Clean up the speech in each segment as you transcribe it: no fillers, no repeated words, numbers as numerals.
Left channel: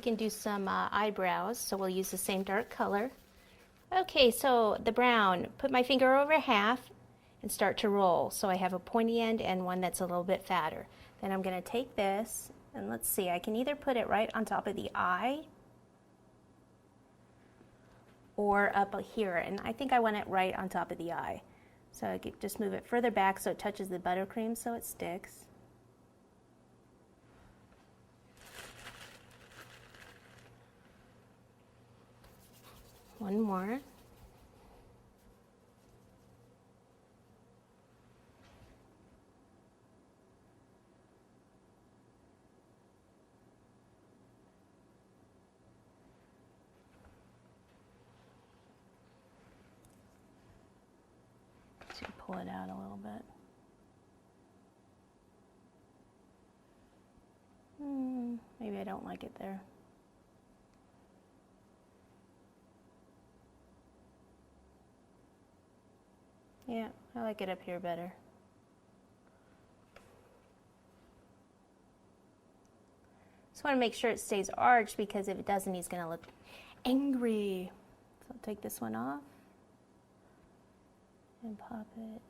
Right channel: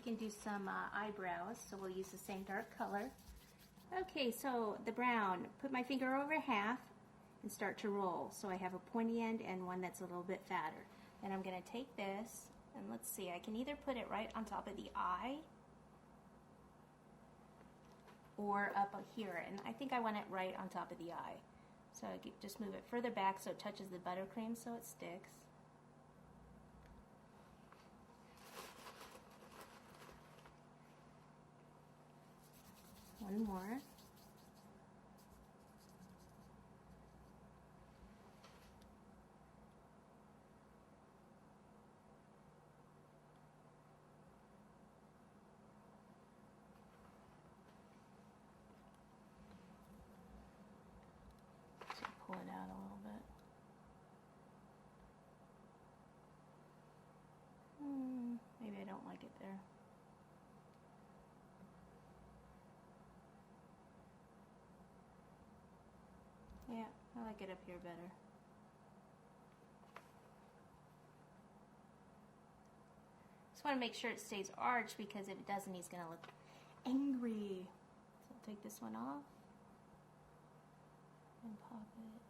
we can do some eyebrows, so we'll use the same dark color. Okay, so the brown, put my finger over half and start to roll. So I have a pointy end and one that's a little bit fatter. Then I'm going to take this, and let's see, I can either put it right on top of the eye or up here, and I think I want it right on top of the eye. So I could just move it further back so it touches the buttercream so it sticks. One more. So pull it out a little bit. Maybe I don't like it there. Yeah, I like it up here better. Just want to make sure it stays arched, because if it doesn't, he's going to look angry. So I'll take this one off and pop it.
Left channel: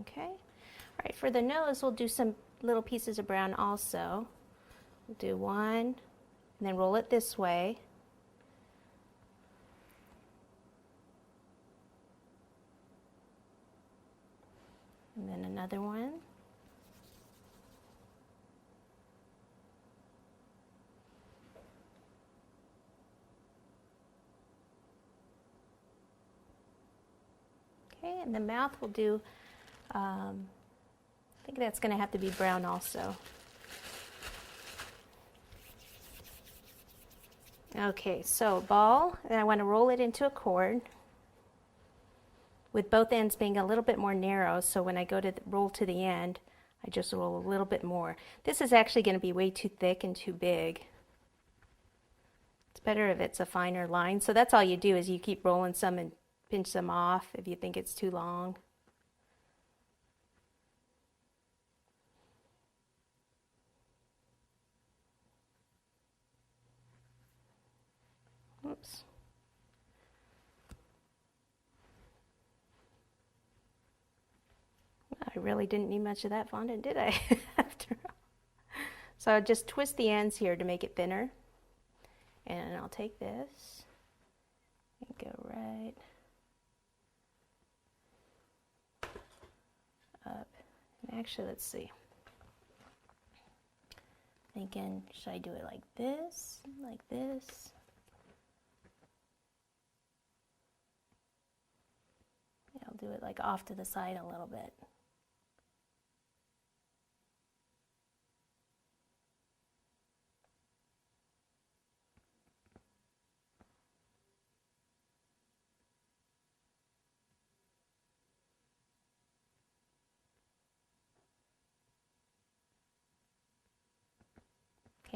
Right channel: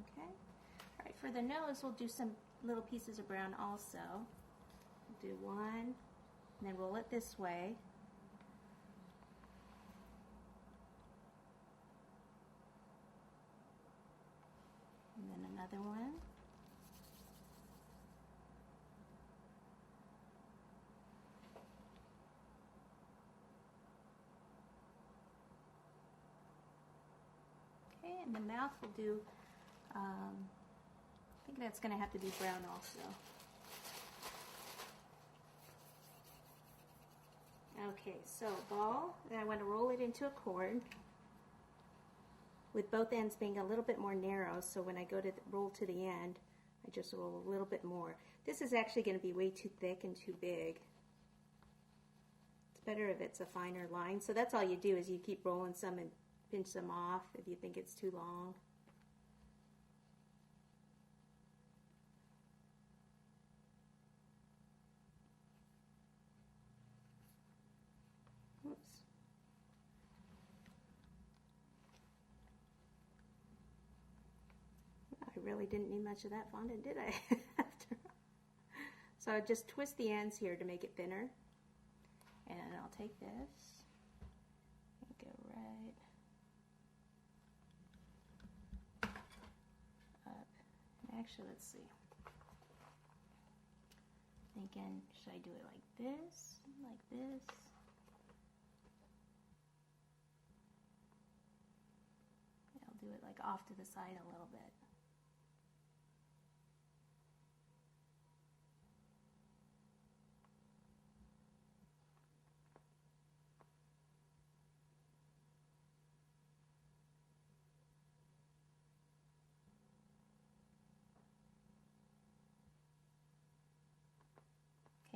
Okay. All right, for the nose, we'll do some little pieces of brown also. We'll do one, and then roll it this way. And then another one. Okay, and the mouth will do, I think that's going to have to be brown also. Okay, so ball, and I want to roll it into a cord with both ends being a little bit more narrow, so when I go to roll to the end, I just roll a little bit more. This is actually going to be way too thick and too big. It's better if it's a finer line. So that's all you do, is you keep rolling some and pinch some off if you think it's too long. Oops. I really didn't need much of that fondant, did I? After all. So just twist the ends here to make it thinner. And I'll take this and go right up. And actually, let's see. Thinking, should I do it like this, like this? Yeah, I'll do it like off to the side a little bit.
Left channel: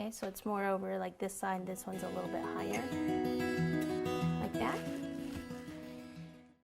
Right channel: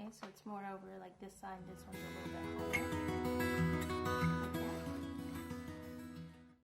Okay, so it's more over like this side, this one's a little bit higher.